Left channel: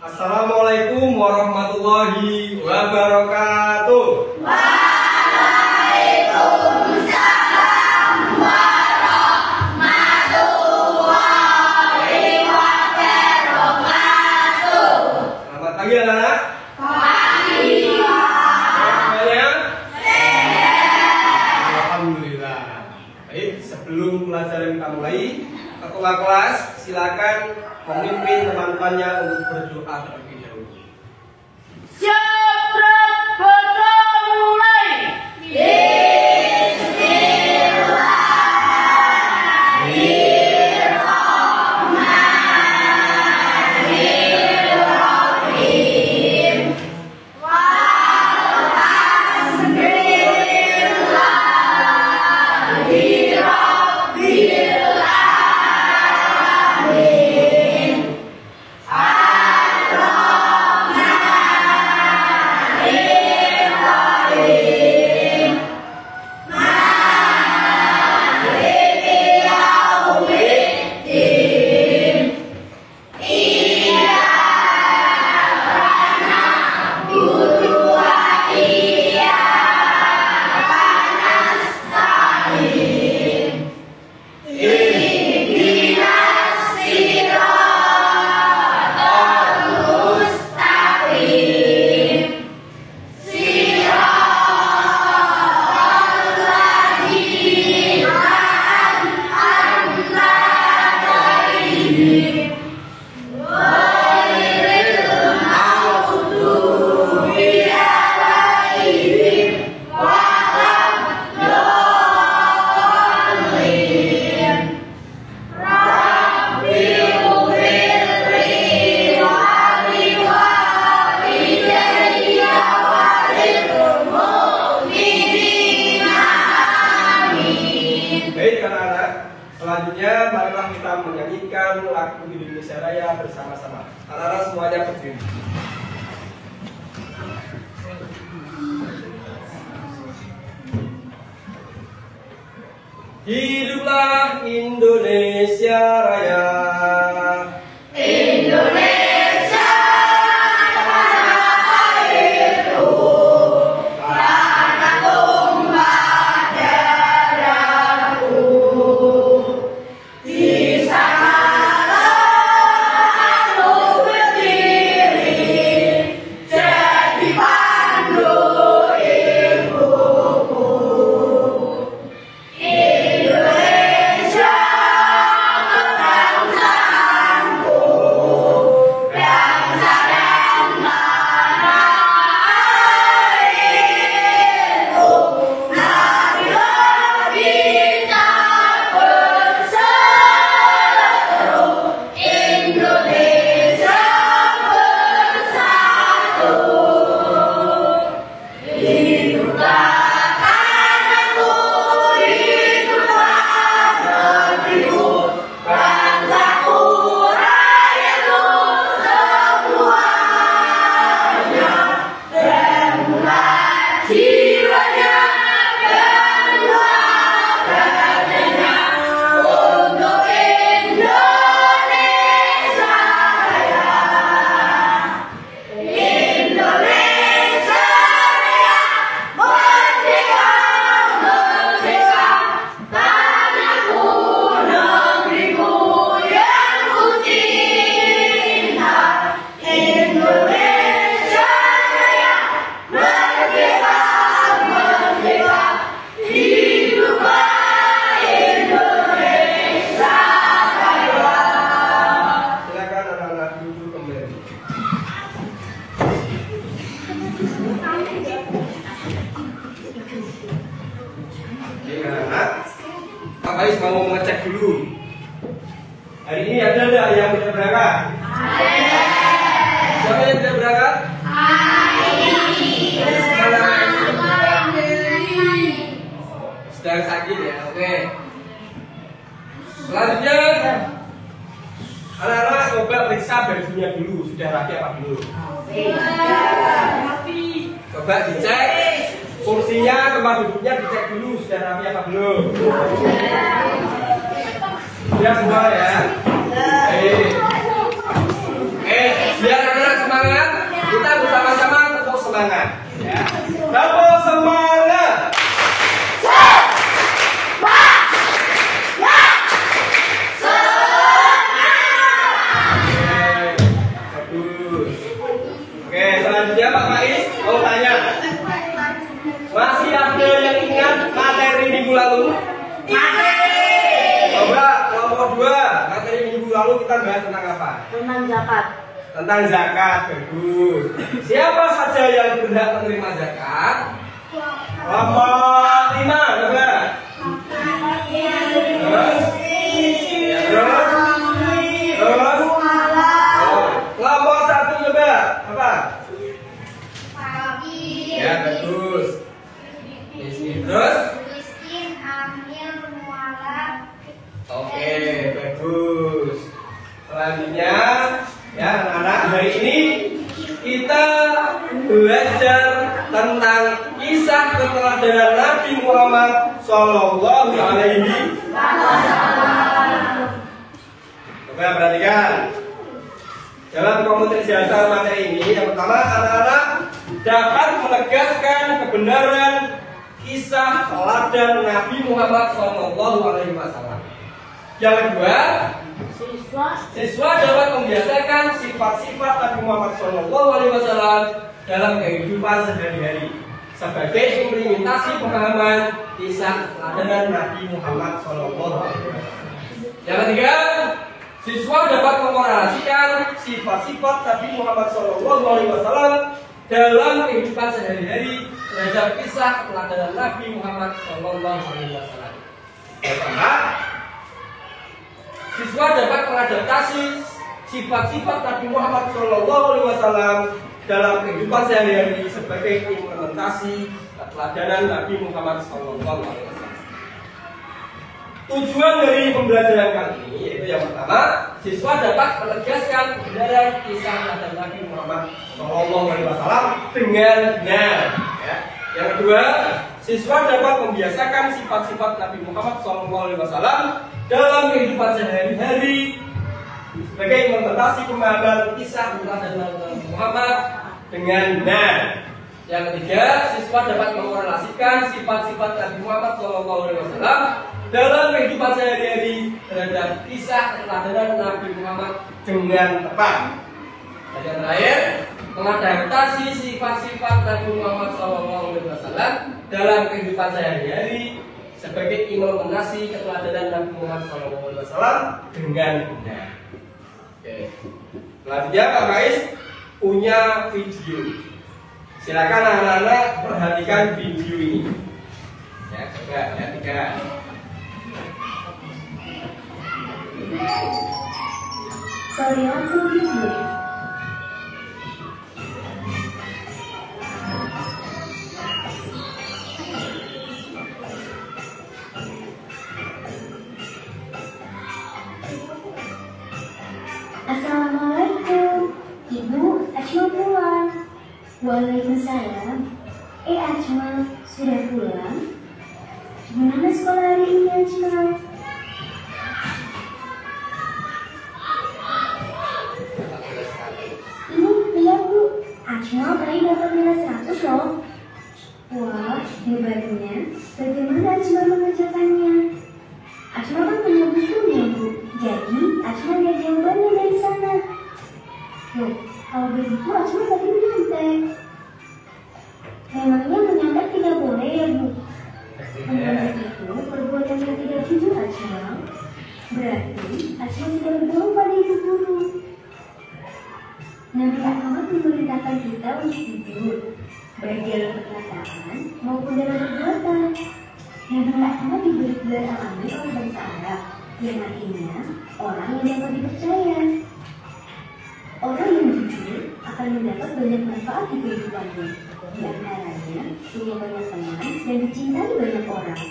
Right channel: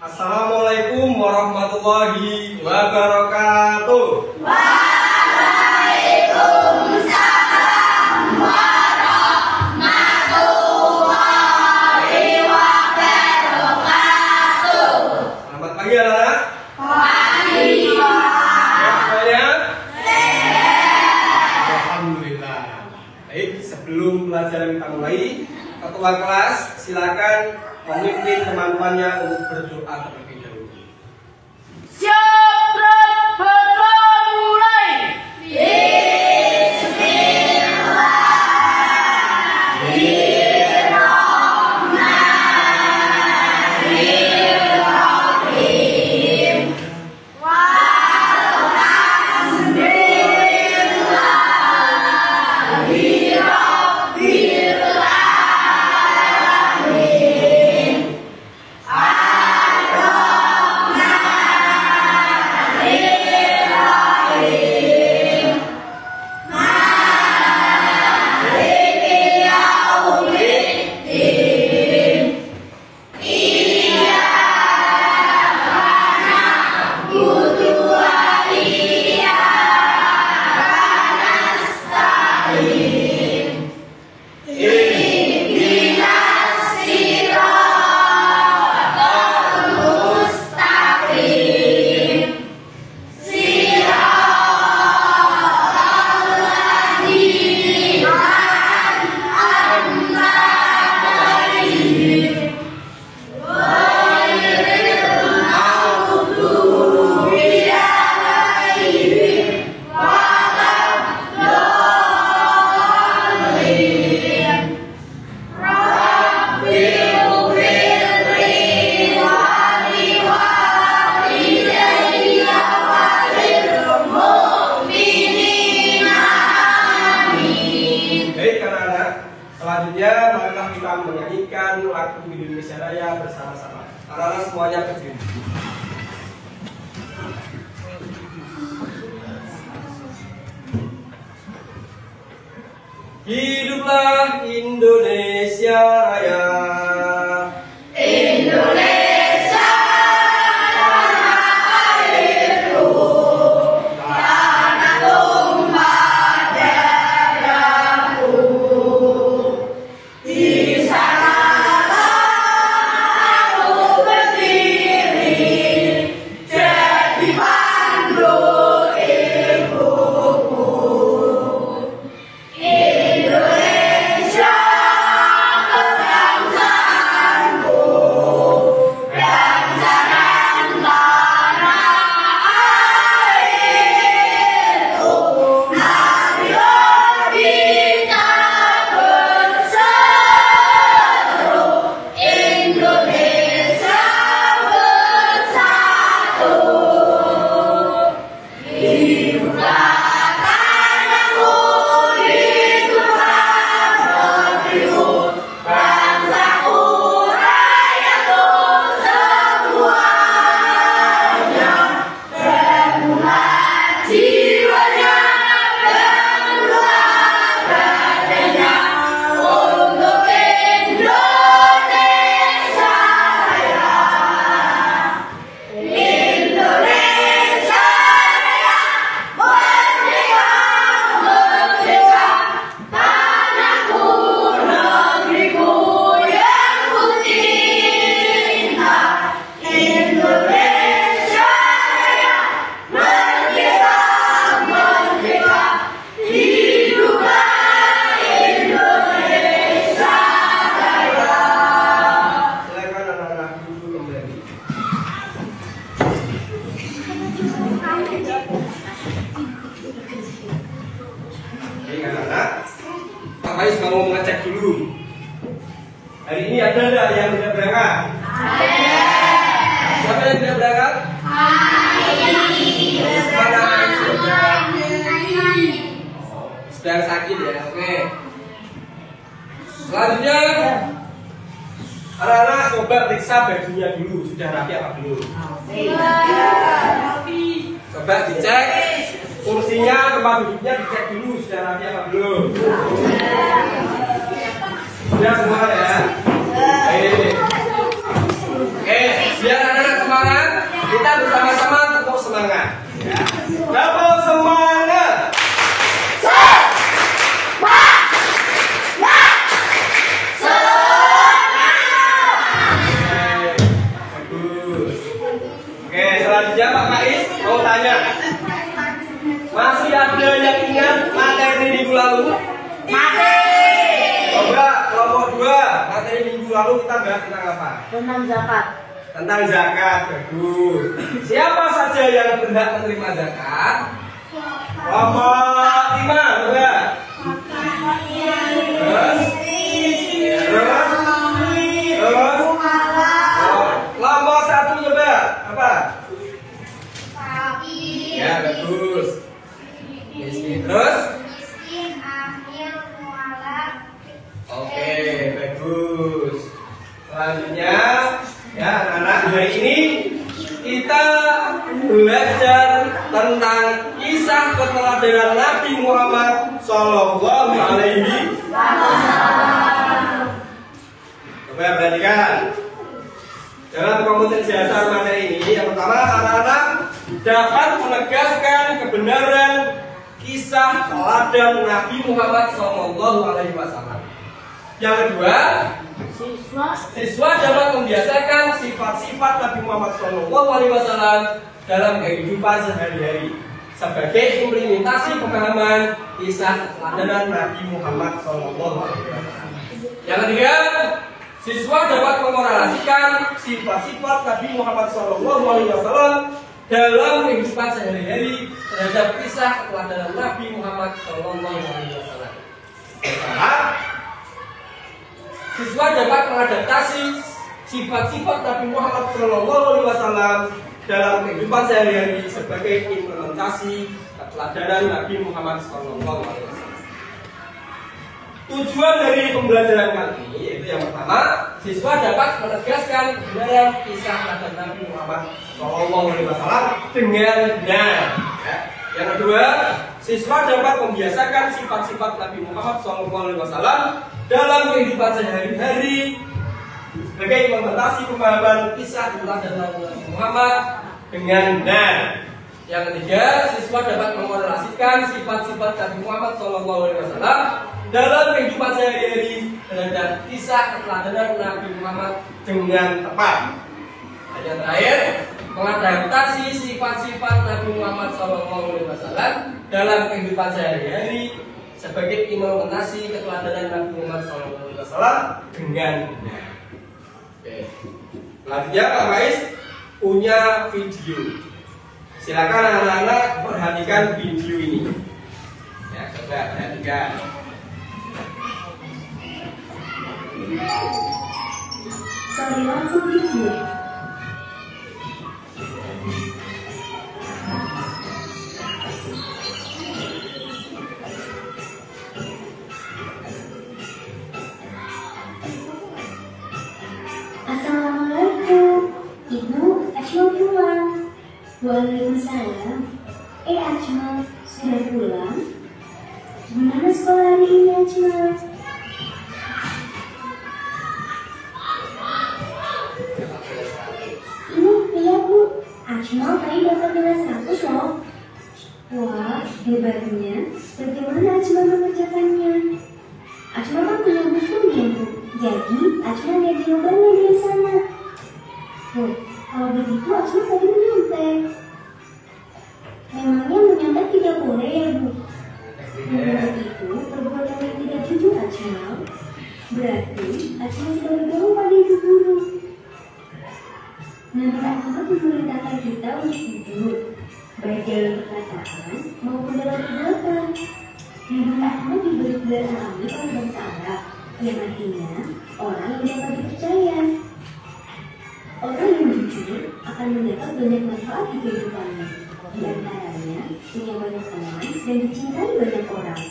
Assalamualaikum warahmatullahi wabarakatuh. Waalaikumsalam warahmatullahi wabarakatuh. Selamat pagi anak-anak. Pagi. Semuanya Sehat. alhamdulillah. Baik, sebelum pelajaran kita mulai, ketua kelas silakan memimpin teman-temannya untuk berdoa terlebih dahulu. Siap, berdoa mulai. Bismillahirrahmanirrahim. Walhamdulillahirabbil alamin. Ar-Rahmanir-Rahim. Maliki yaumiddin. Iyyaka na'budu wa iyyaka nasta'in. Ihdinas siratal mustaqim. Siratal ladzina an'amta 'alaihim ghairil maghdubi 'alaihim waladdallin. Rabbi ighfirli wa liwalidayya wa lil mu'minina. Amin. Baik anak-anak, selanjutnya marilah kita menyanyikan lagu Indonesia Raya bersama-sama. Anak-anak semuanya berdiri. Hiduplah Indonesia Raya. Indonesia tanah airku, tanah tumpah darahku. Di sanalah aku berdiri, jadi pandu ibuku. Indonesia cek dulu. Hari ini ada nggak yang tidak berangkat? Siapa yang tidak berangkat? Sedang sakit ya, oke. Selanjutnya, anak-anak coba periksa bajunya dulu, sudah rapi apa belum? Coba dicek kursinya, tempat duduknya dicek dulu, sudah rapi apa belum? Sudah semua ya? Oke, biar anak-anak semangat, kita bersama-sama tepuk semangat. Ya. Tepuk semangat. Oke, selanjutnya Pak Kais mau tanya, masih ada yang ingat materi minggu lalu? Masih. Coba kelompok 2, materi minggu lalu kita bahas tentang apa? Tentang zakat. Tentang zakat, bagus. Siapa saja yang berhak menerima zakat? Kelompok 5, coba. Terus? Kelompok 1 coba, apa? Ya, bagus. Miskin. Terus? Oke, bagus. Selanjutnya, ya anak-anak, hari ini kita belajar tentang kisah keteladanan Nabi Muhammad Sallallahu Alaihi Wasallam. Coba perhatikan. Dalam komunitas jasa materi ini, yang pertama anak-anak dapat menegaskan kebenaran kisah teladan Nabi Muhammad Sallallahu Alaihi Wasallam. Yang kedua, siswa dapat membiasakan sifat-sifat Nabi Muhammad SAW dalam kehidupan sehari-hari sebagai implementasi pemahaman kisah teladan Nabi Muhammad SAW. Yang ketiga, siswa dapat mengkorelasikan sifat-sifat Nabi Muhammad SAW dalam kehidupan sehari-hari terhadap kisah teladan Nabi Muhammad SAW. Pertama, siswa dapat mengadaptasi sifat-sifat Nabi Muhammad SAW dalam kehidupan sehari-hari sebagai implementasi keteladanan Nabi Muhammad SAW. Tujuan dari pembelajaran kali ini yaitu yang pertama, siswa dapat menegaskan kebenaran kisah teladan Nabi Muhammad SAW dengan benar. Ya. Yang kedua, siswa dapat membiasakan sifat-sifat Nabi Muhammad SAW dalam kehidupan sehari-hari sebagai implementasi pemahaman kisah teladan Nabi Muhammad dengan benar. Yang ketiga, siswa dapat mengkorelasikan sifat-sifat Nabi Muhammad SAW dalam kehidupan sehari-hari terhadap kisah keteladanan Nabi Muhammad dengan tepat. Dan yang terakhir, mengadaptasi sifat-sifat Nabi Muhammad SAW dalam kehidupan sehari-hari sebagai implementasi keteladanan Nabi Muhammad SAW dengan benar. Oke. Selanjutnya Pak Faiz punya video. Silakan anak-anak perhatikan video ini. Ya, coba perhatikan. Perilaku video. Assalamualaikum, Ibu Ajmal pulang. Waalaikumsalam. Ajmal, sudah pulang? Gimana sekolah hari ini, Ajmal? Iya Bu, Ajmal tadi dapat nilai 100 loh. Wah, hebatnya. Bagaimana Ajmal mengerjakannya? Ajmal kan punya bukunya Bu, jadi Ajmal lihat jawabannya dari sana. Oh, kalau begitu Ajmal tadi menyontek. Memangnya menyontek tidak boleh ya Bu? Menyontek itu perbuatan yang tidak jujur Ajmal. Berarti Ajmal sudah bergaul pada ibu guru. Nabi Muhammad memerintahkan kita untuk jujur, baik dalam perkataan maupun dalam perbuatan. Nabi Muhammad diberi gelar al-Amin oleh bangsa Arab, yang artinya orang yang dapat dipercaya. Orang yang jujur akan mendapat banyak manfaat di kehidupannya, di antaranya punya banyak teman dan dicintai banyak orang.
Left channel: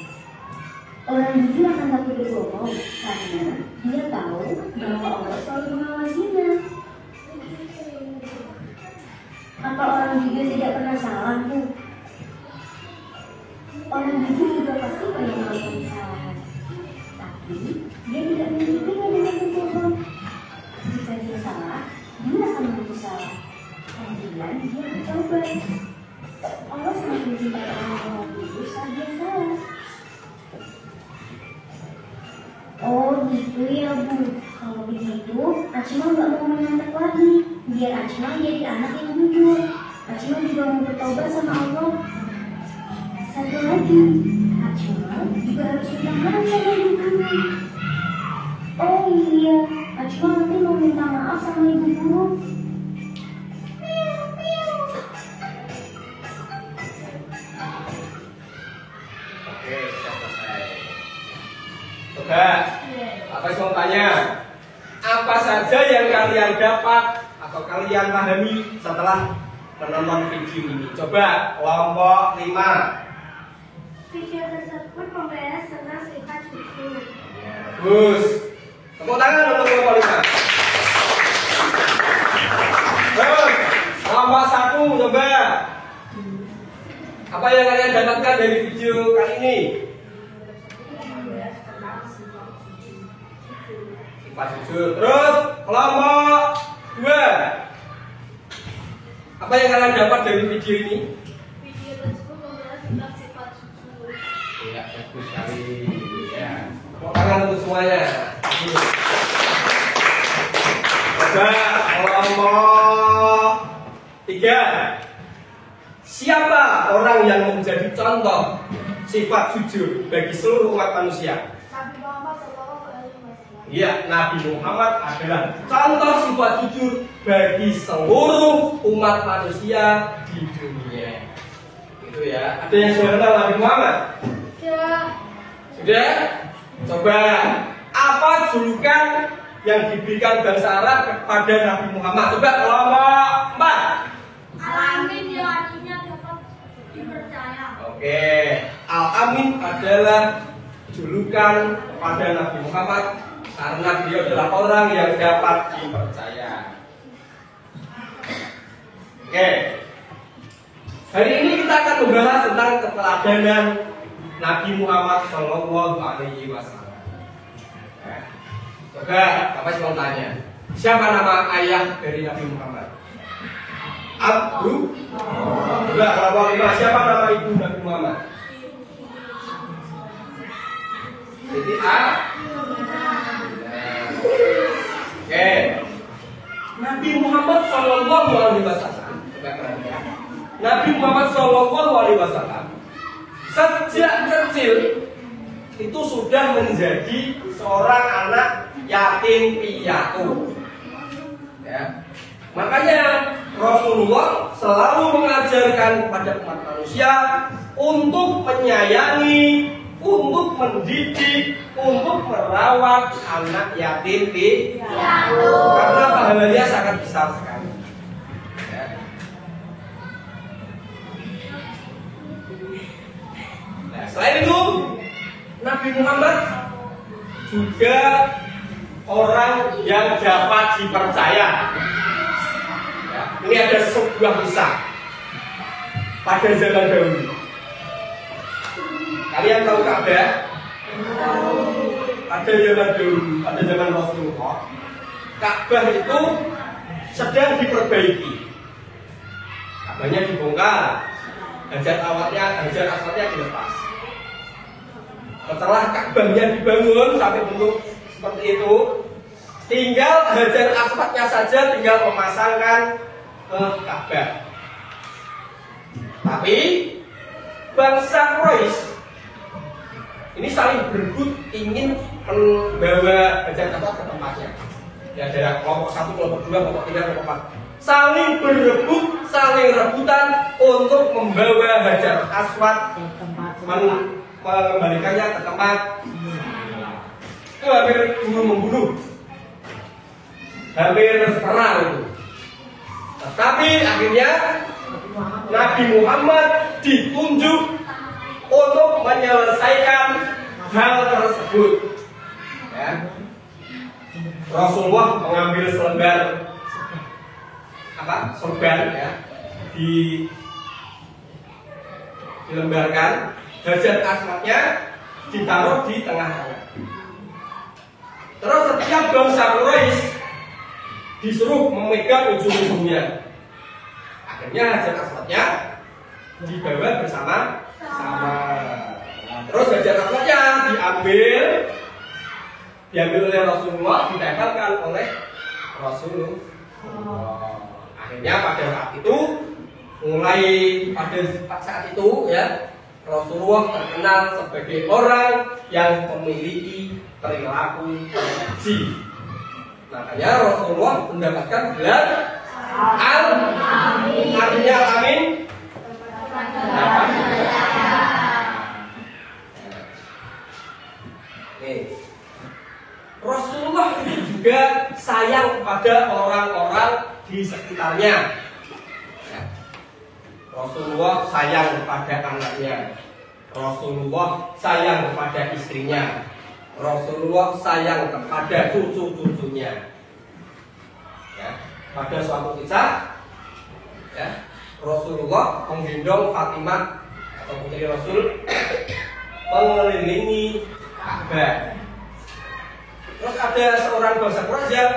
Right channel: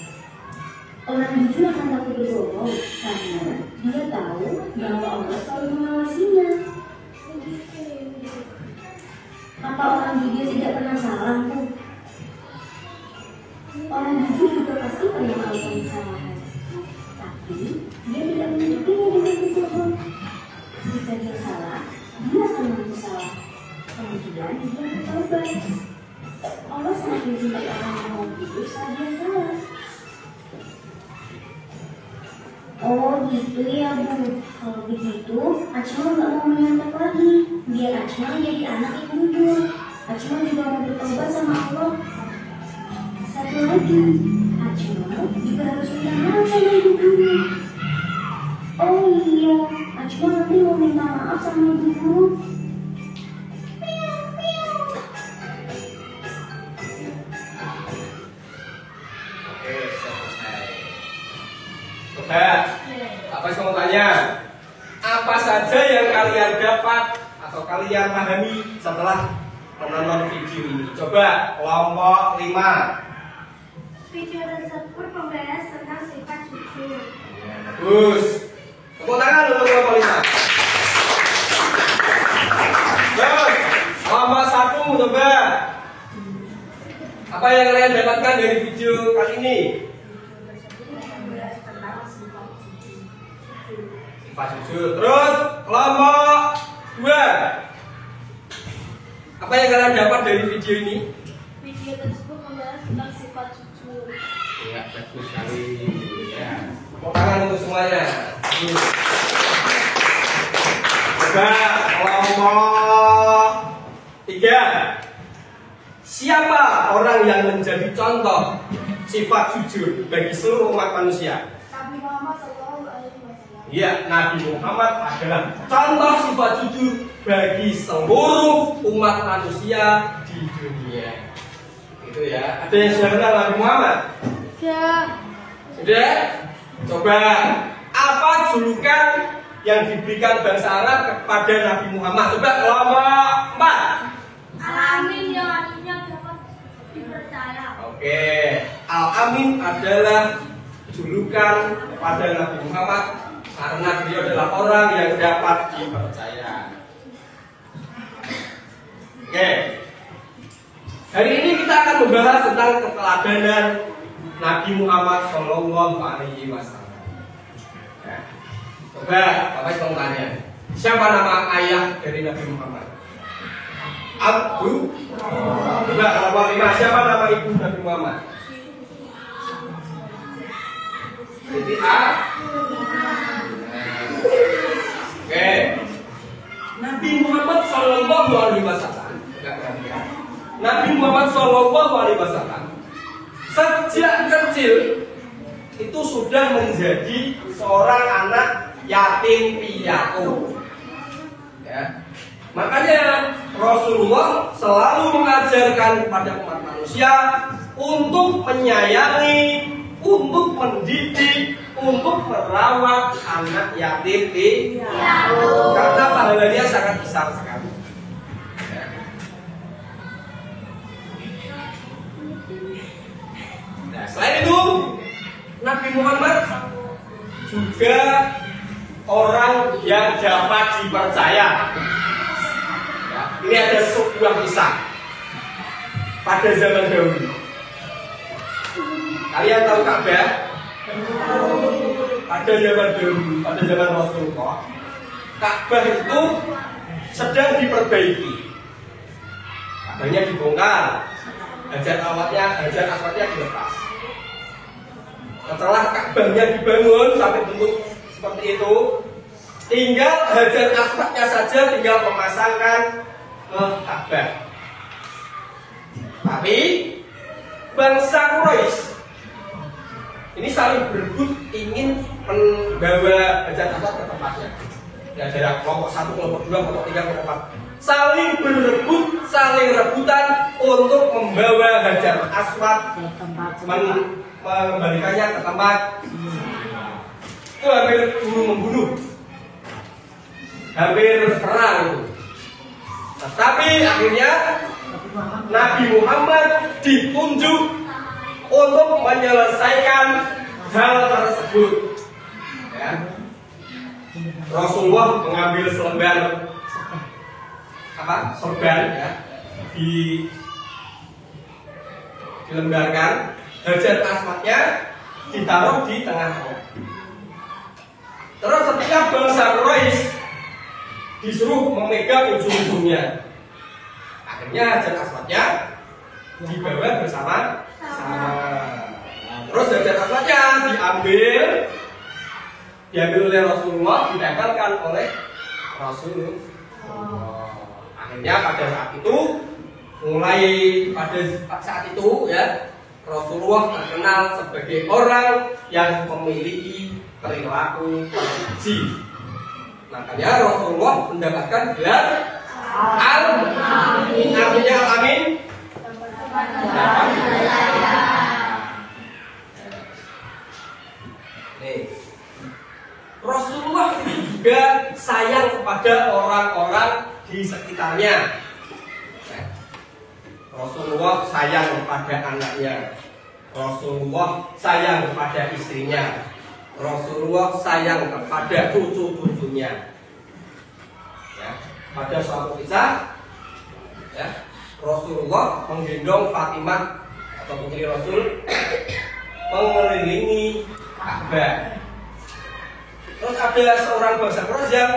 Orang jujur akan takut berbohong karena dia tahu bahwa Allah selalu mengawasinya. Apa orang jujur tidak pernah salah, Bu? Orang jujur juga pasti pernah melakukan kesalahan, tapi dia tidak menutupinya dengan berbohong. Jika dia salah, dia akan mengaku salah. Kemudian dia bertobat. Allah sangat mencintai orang yang mau jujur saat dia salah. Oh gitu ya, Bu. Kalau begitu, Acma nggak mau menyantet lagi. Biar Acma jadi anak yang jujur. Acma juga mau bertobat sama Allah. Satu lagi, Acma juga harus minta maaf sama ibu guru. Oh iya, Acma nanti mau minta maaf sama ibu guru. Oke, sudah selesai. Sobat, apa yang mau tanya? Apa saja yang kalian dapat atau kalian pahami setelah menonton video ini? Coba kelompok 5. Video tersebut membahas tentang sifat jujur. Bagus. Tepuk tangan untuk kelompok 5. Terus, kelompok 1 coba. Apa yang kalian dapatkan dari video kali ini? Membahas tentang sifat jujur. Sifat jujur. Terus, kelompok 2. Apa yang kalian dapat dari video ini? Video tersebut membahas tentang sifat jujur. Ya, bagus sekali. Ya. Tepuk tangan untuk semuanya. Bagus. Coba kelompok 3. Siapa orang yang menjadi contoh sifat jujur bagi seluruh umat manusia? Nabi Muhammad SAW. Ya, Nabi Muhammad adalah contoh sifat jujur bagi seluruh umat manusia di dunia. Itu ya. Ada yang sudah kenal Nabi Muhammad? Ya. Sudah? Coba apa julukan yang diberikan bangsa Arab kepada Nabi Muhammad? Coba kelompok 4. Al-Amin yang artinya dapat dipercaya. Oke, Al-Amin adalah julukan pada Nabi Muhammad karena beliau adalah orang yang dapat dipercaya. Oke, hari ini kita akan membahas tentang keteladanan Nabi Muhammad Shallallahu Alaihi Wasallam. Coba, Bapak mau tanya, siapa nama ayah dari Nabi Muhammad? Abu. Coba kelompok 5, siapa nama ibu Nabi Muhammad? Siti A. Oke. Nabi Muhammad Shallallahu Alaihi Wasallam. Nabi Muhammad Shallallahu Alaihi Wasallam sejak kecil itu sudah menjadi seorang anak yatim piatu. Ya. Makanya Rasulullah selalu mengajarkan kepada umat manusia untuk menyayangi, untuk mendidik, untuk merawat anak yatim piatu. Karena pahalanya sangat besar sekali. Ya. Nah, selain itu Nabi Muhammad juga orang yang dapat dipercaya. Ini ada sebuah kisah pada zaman dahulu. Kalian tahu Ka'bah? Pada zaman dahulu, pada zaman Rasulullah, Ka'bah itu sedang diperbaiki. Ka'bahnya dibongkar, hajar aswadnya dilepas. Setelah Ka'bahnya dibangun sampai bentuk seperti itu, tinggal hajar aswadnya saja tinggal memasangkan ke Ka'bah. Tapi bangsa Quraisy ini saling berebut ingin membawa hajar aswad ke tempatnya. Ya, ada kelompok 1, kelompok 2, kelompok 3, kelompok 4. Saling berebut, saling rebutan untuk membawa hajar aswad, mengembalikannya ke tempat. Itu hampir bunuh membunuh, hampir perang itu. Nah, tapi akhirnya Nabi Muhammad ditunjuk untuk menyelesaikan hal tersebut. Ya. Rasulullah mengambil selembar sorban, ya, dilembarkan, Hajar Aswadnya ditaruh di tengah-tengah. Terus setiap bangsa Quraisy disuruh memegang ujung-ujungnya. Akhirnya Hajar Aswadnya dibawa bersama-sama. Terus Hajar Aswadnya diambil oleh Rasulullah, ditempelkan oleh Rasulullah. Akhirnya pada saat itu ya, Rasulullah terkenal sebagai orang yang memiliki perilaku haji. Makanya Rasulullah mendapatkan gelar Al-Amin. Artinya Al-Amin. Rasulullah itu juga sayang kepada orang-orang di sekitarnya. Rasulullah sayang kepada anaknya, Rasulullah sayang kepada istrinya, Rasulullah sayang kepada cucu-cucunya. Ya, pada suatu kisah, ya, Rasulullah menggendong Fatimah atau putri Rasul mengelilingi Ka'bah. Terus ada seorang bangsa Quraisy yang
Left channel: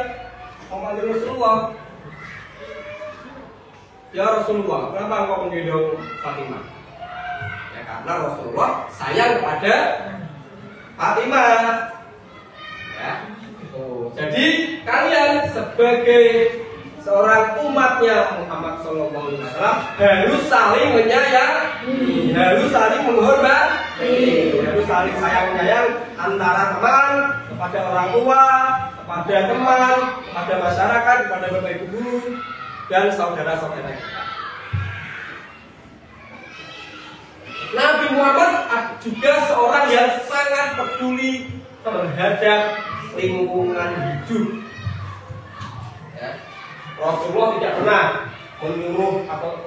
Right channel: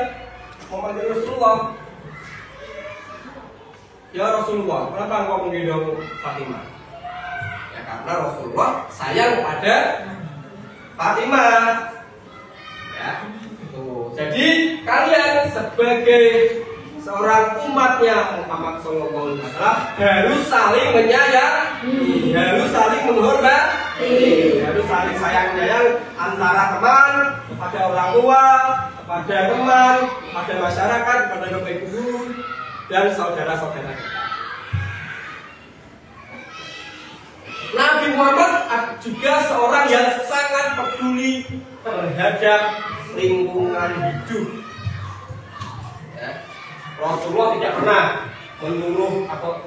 memanggil Rasulullah, "Ya Rasulullah, kenapa engkau menggendong Fatimah?" Ya, karena Rasulullah sayang pada Fatimah. Ya, gitu. Jadi kalian sebagai seorang umatnya Muhammad SAW harus saling menyayangi, harus saling menghormati, harus saling sayang-sayang antara teman kepada orang tua, kepada teman, kepada masyarakat, kepada bapak ibu guru dan saudara-saudara kita. Nabi Muhammad juga seorang yang sangat peduli terhadap lingkungan hidup. Ya. Rasulullah tidak pernah menyuruh atau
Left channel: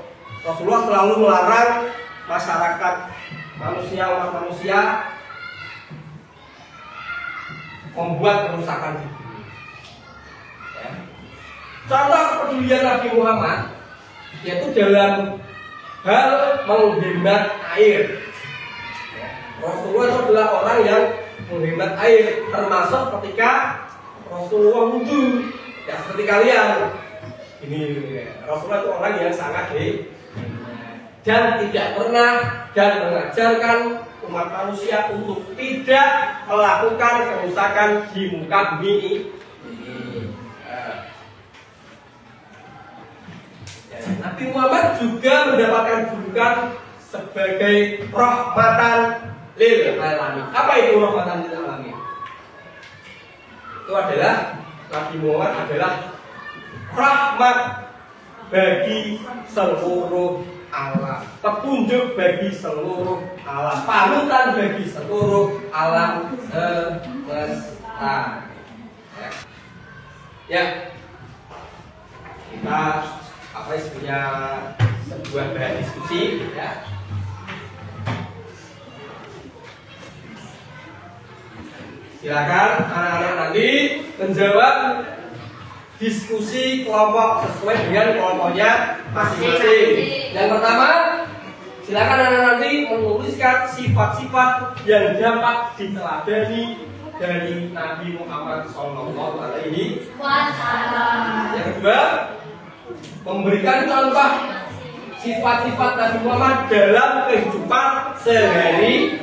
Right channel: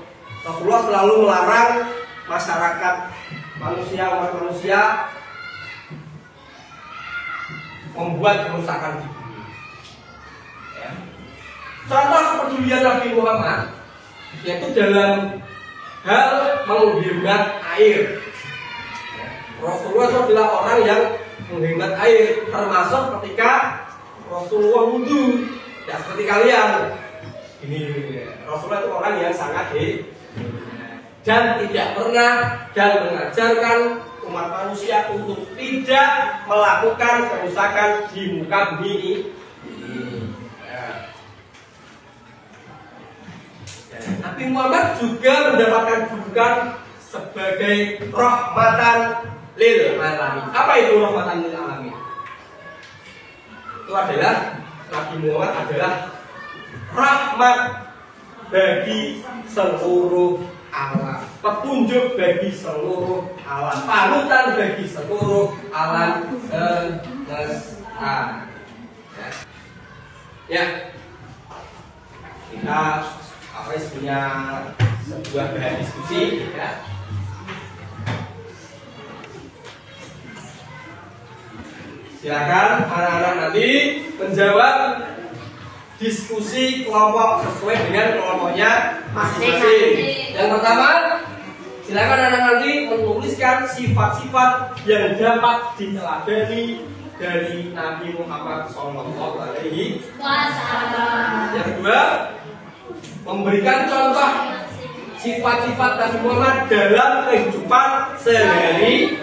Rasulullah selalu melarang masyarakat umat manusia membuat kerusakan di bumi. Ya. Contoh kepedulian Nabi Muhammad yaitu dalam hal menghemat air. Ya. Rasulullah itu adalah orang yang menghemat air, termasuk ketika Rasulullah wudhu. Ya seperti kalian. Ini. Rasulullah itu orang yang sangat dan tidak pernah dan mengajarkan umat manusia untuk tidak melakukan kerusakan di muka bumi ini. Nabi Muhammad juga mendapatkan julukan sebagai rahmatan lil alamin. Apa itu rahmatan lil alamin? Itu adalah Nabi Muhammad adalah rahmat bagi seluruh alam, petunjuk bagi seluruh alam, panutan bagi seluruh alam semesta. Ya, kita punya sebuah bahan diskusi. Ya. Silakan anak-anak nanti menjawab diskusi kelompok sesuai dengan kelompoknya masing-masing. Yang pertama, silakan anak-anak nanti menuliskan sifat-sifat yang dapat diteladani dari Nabi Muhammad SAW. Yang kedua, memberikan contoh sifat-sifat Nabi Muhammad dalam kehidupan sehari-hari.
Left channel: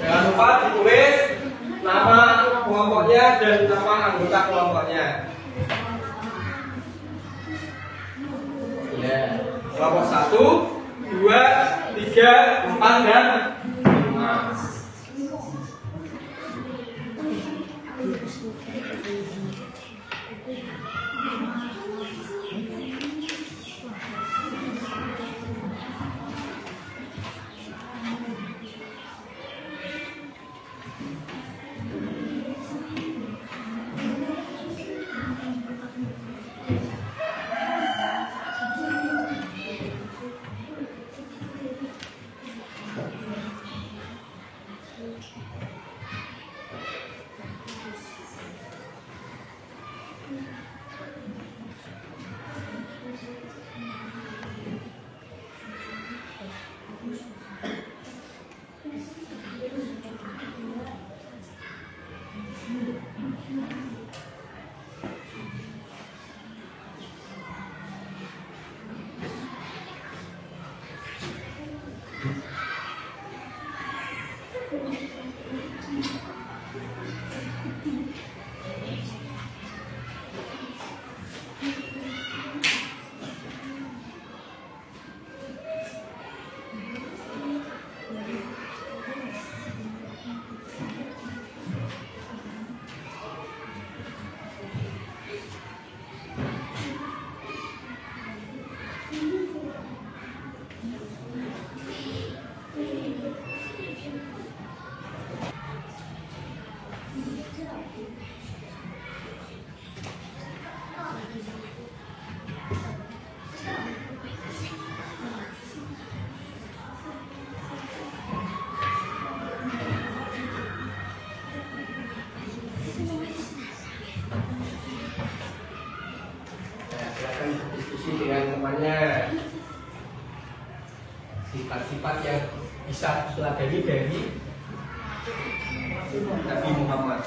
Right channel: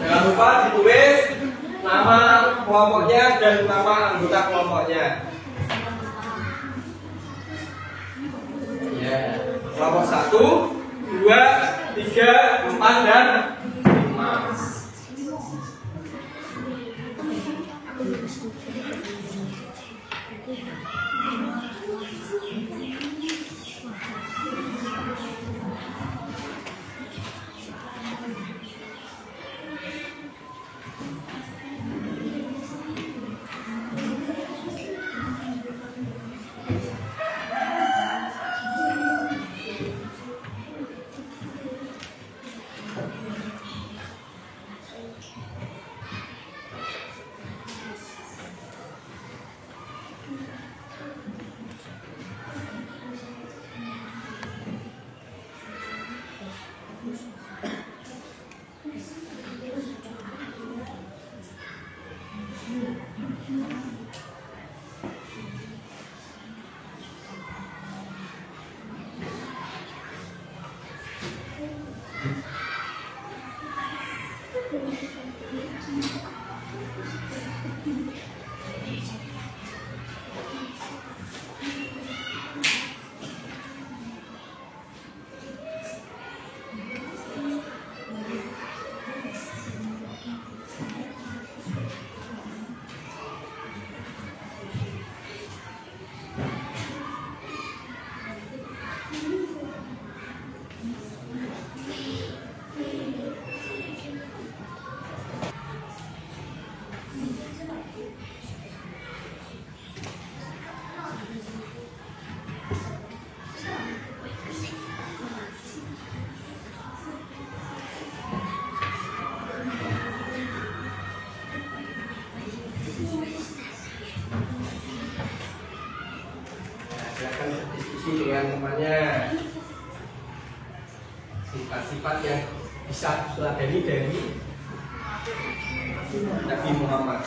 Jangan lupa ditulis nama kelompoknya dan nama anggota kelompoknya. Ya, kelompok 1, 2, 3, 4 dan 5. Berdiskusi dengan temannya sifat-sifat yang bisa diteladani dari Nabi Muhammad.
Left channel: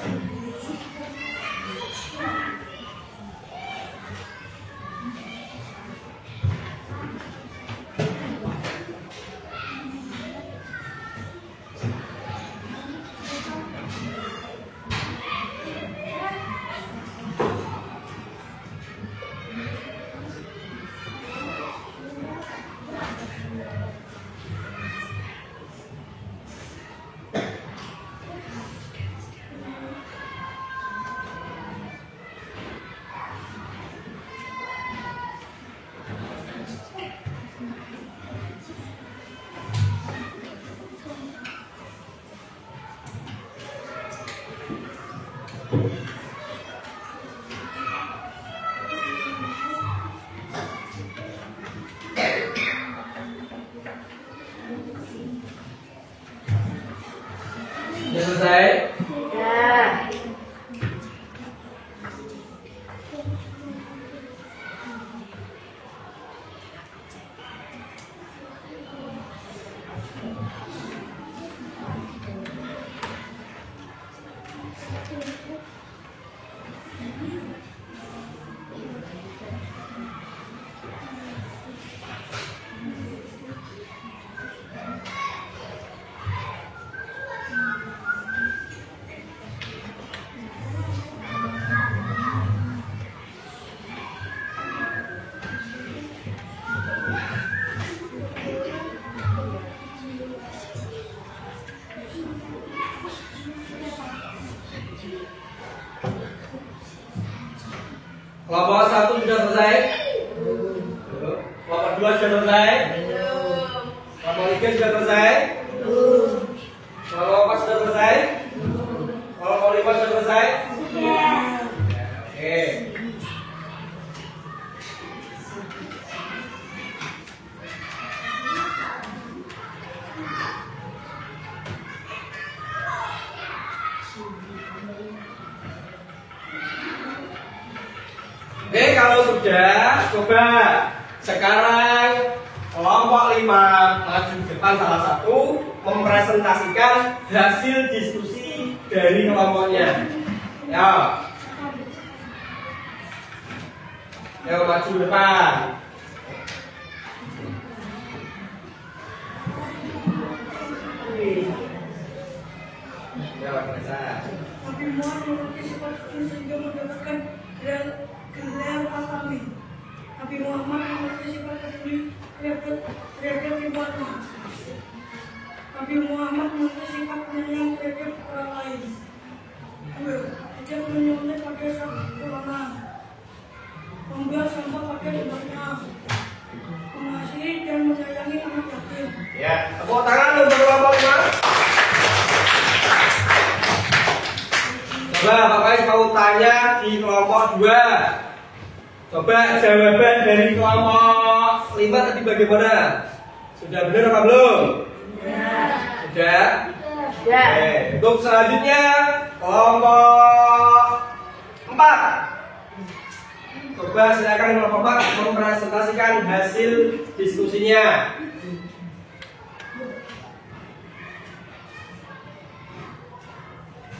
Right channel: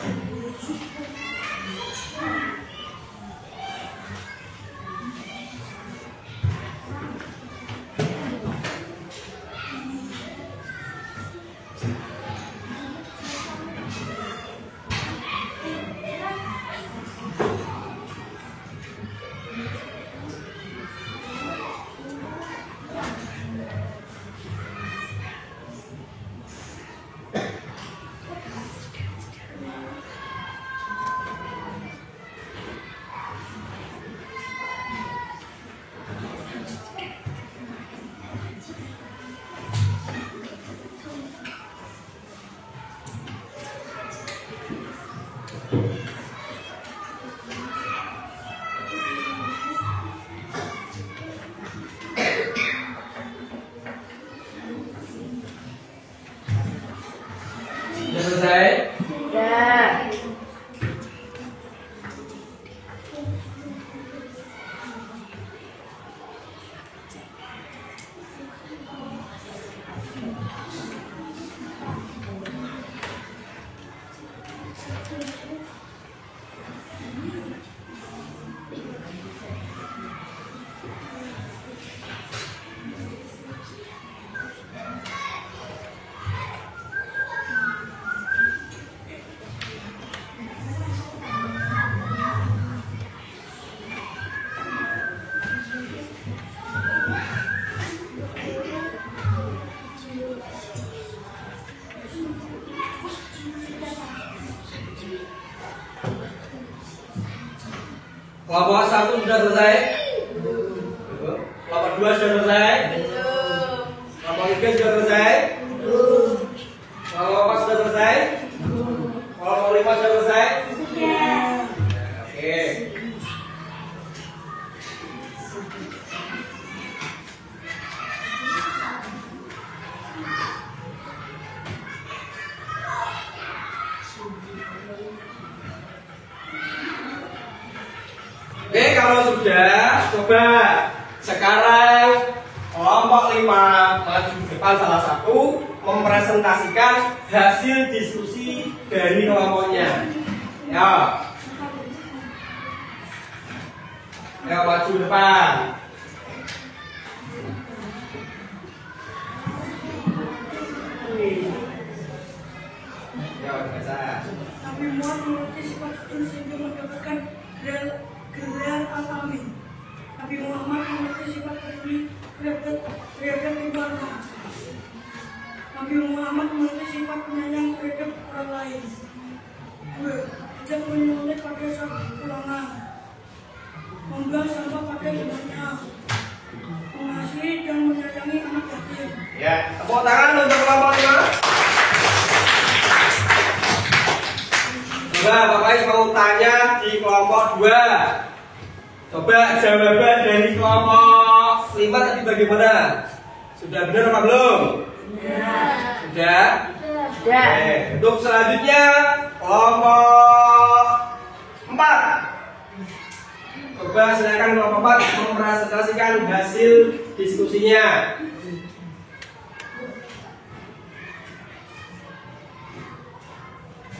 Sudah selesai? Ya. Kelompok 1 sudah selesai? Kelompok 2 sudah selesai? Kelompok 3 sudah selesai? Kelompok 4 sudah selesai? Kelompok 5 sudah selesai? Oke. Oke, kalau sudah, coba sekarang kelompok 5 maju depan salah satu mempresentasikan hasil diskusi dari kelompoknya. Ya, maju depan. Ya, biasa. Nabi Muhammad mengerti sifat sujud sehingga mendapatkan gelar Al-Amin. Nabi Muhammad mengerti sifat peduli terhadap ibadah. Nabi Muhammad mengerti sifat penyayang terhadap orang lain. 2. Tidak desa Pulangan. Membuang sampah pada tempatnya. Mengasihi dan menyayangi anak yatim. Ya, tepuk tangan untuk kelompok 5. Coba Bapak Is mau tanya di kelompok 2. Coba jawaban dari kelompok 5 tadi bagaimana? Sudah benar apa belum? Sudah? Oke, untuk selanjutnya kelompok 4. Coba silakan kelompok 4 mempresentasikan hasil diskusinya.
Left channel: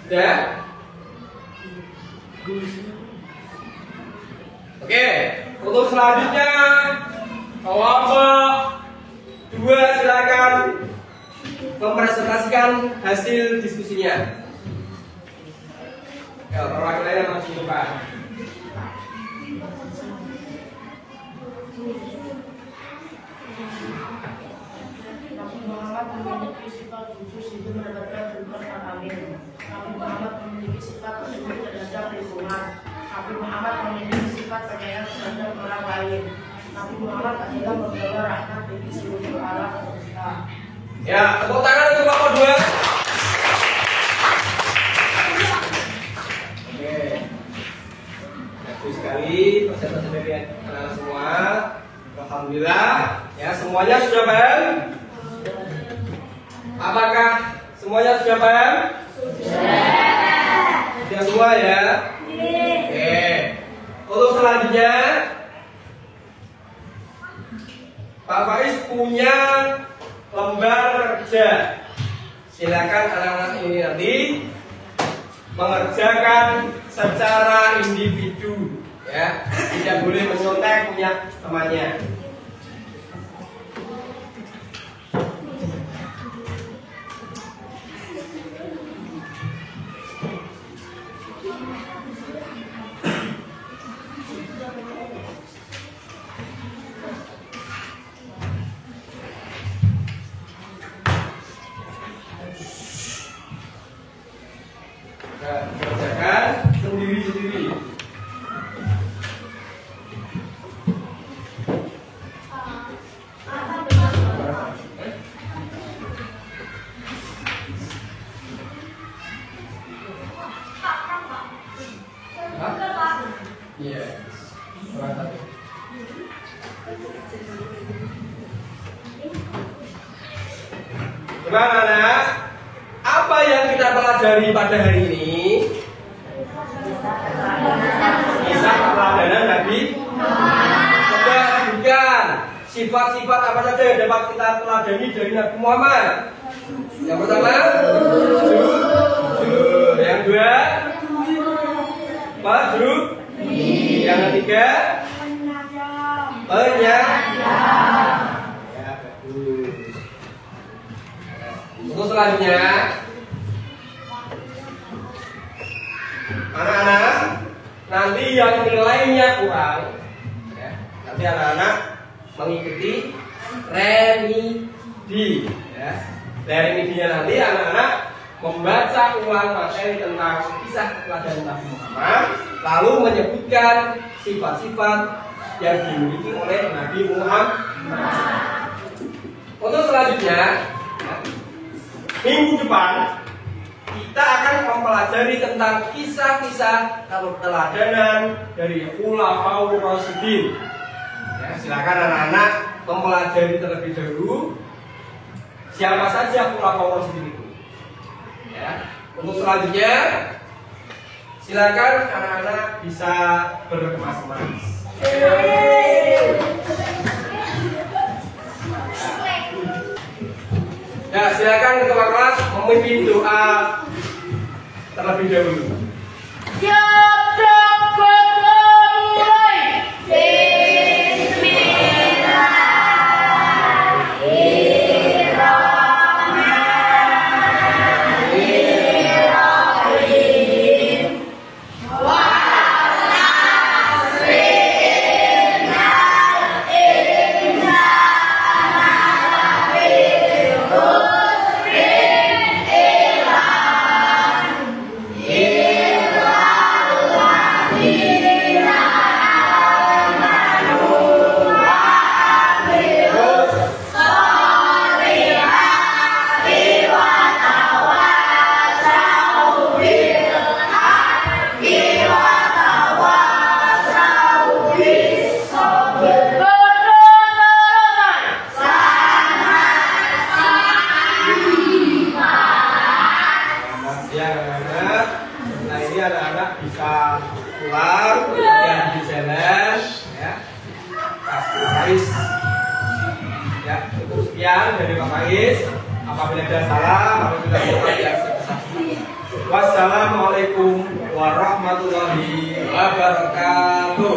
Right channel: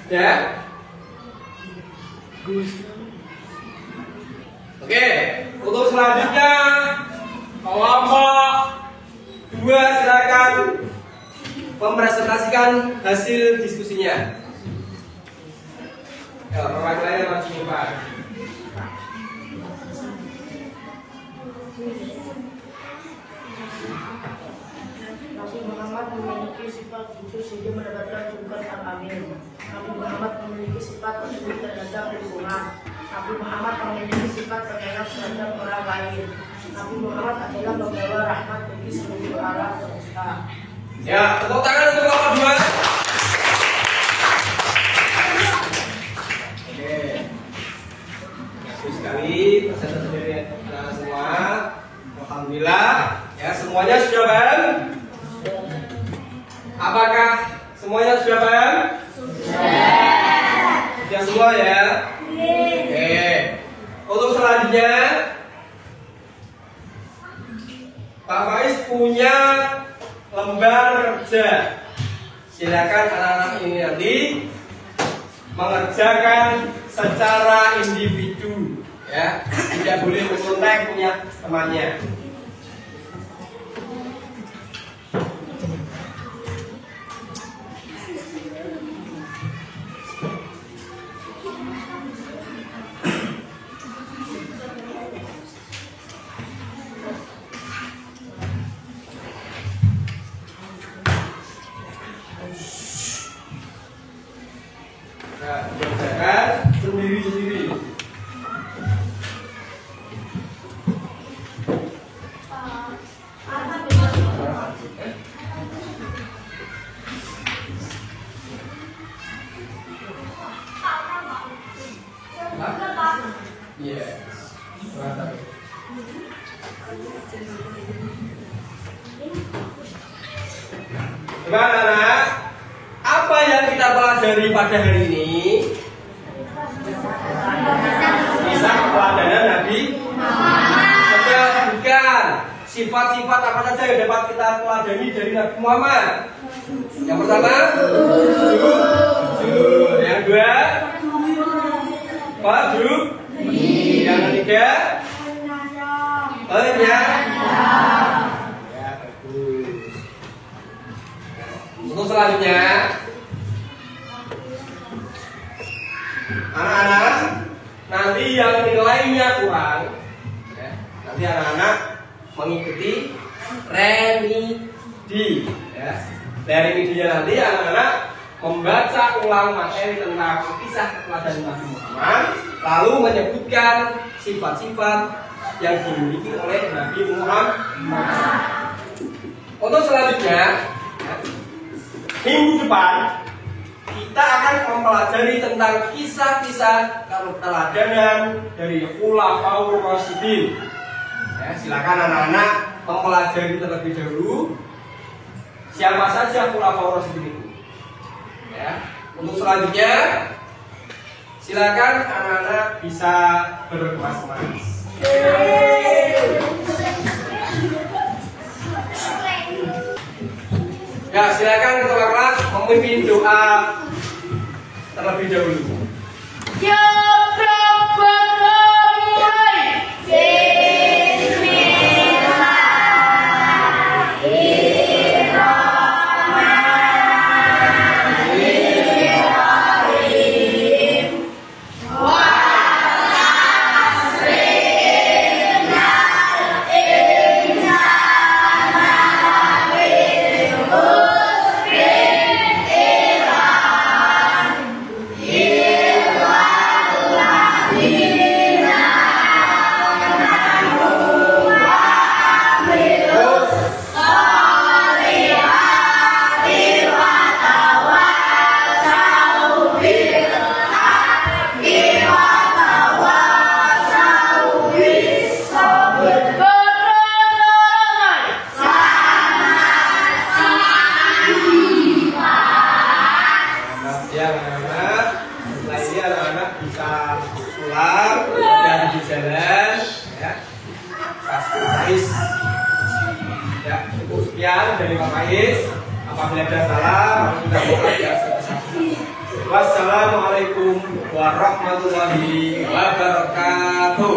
Sudah? Oke, untuk selanjutnya kelompok 2 silakan mempresentasikan hasil diskusinya. Ya, perwakilannya maju ke depan. Nabi Muhammad memiliki sifat khusus sehingga mendapatkan julukan Al-Amin. Nabi Muhammad memiliki sifat peduli terhadap lingkungan. Nabi Muhammad memiliki sifat penyayang terhadap orang lain. Nabi Muhammad adalah membawa rahmat bagi seluruh alam semesta. Ya, tepuk tangan untuk kelompok 2. Oke. Bagus sekali presentasi dari anak semua. Alhamdulillah, ya semuanya sudah paham? Apakah semuanya sudah paham? Sudah semua ya? Oke. Untuk selanjutnya Pak Faiz punya lembar kerja. Silakan anak-anak ini nanti mengerjakan secara individu, ya, tidak boleh menyontek punya temannya. Kerjakan sendiri-sendiri. Iya. Gimana anak? Apa yang kita pelajari pada hari ini? Kisah keteladanan Nabi Muhammad. Coba sebutkan sifat-sifat apa saja yang dapat kita teladani dari Nabi Muhammad. Yang pertama, jujur. Yang kedua, jujur. Yang ketiga, penyayang. Ya, bagus. Untuk selanjutnya, anak-anak nanti yang nilainya kurang, ya, nanti anak-anak mengikuti remedi, ya. Remedinya nanti anak-anak membaca ulang materi tentang kisah keteladanan Nabi Muhammad, lalu menyebutkan sifat-sifat yang dimiliki oleh Nabi Muhammad. Untuk selanjutnya, minggu depan kita akan mempelajari tentang kisah-kisah keteladanan dari Khulafaur Rasyidin. Ya, silakan anak-anak mempelajari terlebih dahulu siapa saja Khulafaur Rasyidin itu. Ya, untuk selanjutnya silakan anak-anak bisa berkemas-kemas. Ya, silakan ketua kelas memimpin doa terlebih dahulu. Selamat siang anak-anak. Setelah ini anak-anak bisa pulang yang di jalan ya. Pak Faiz. Ya, cukup sekian dari Pak Faiz. Apabila ada salah, apabila ada yang sebesar. Wassalamualaikum warahmatullahi wabarakatuh.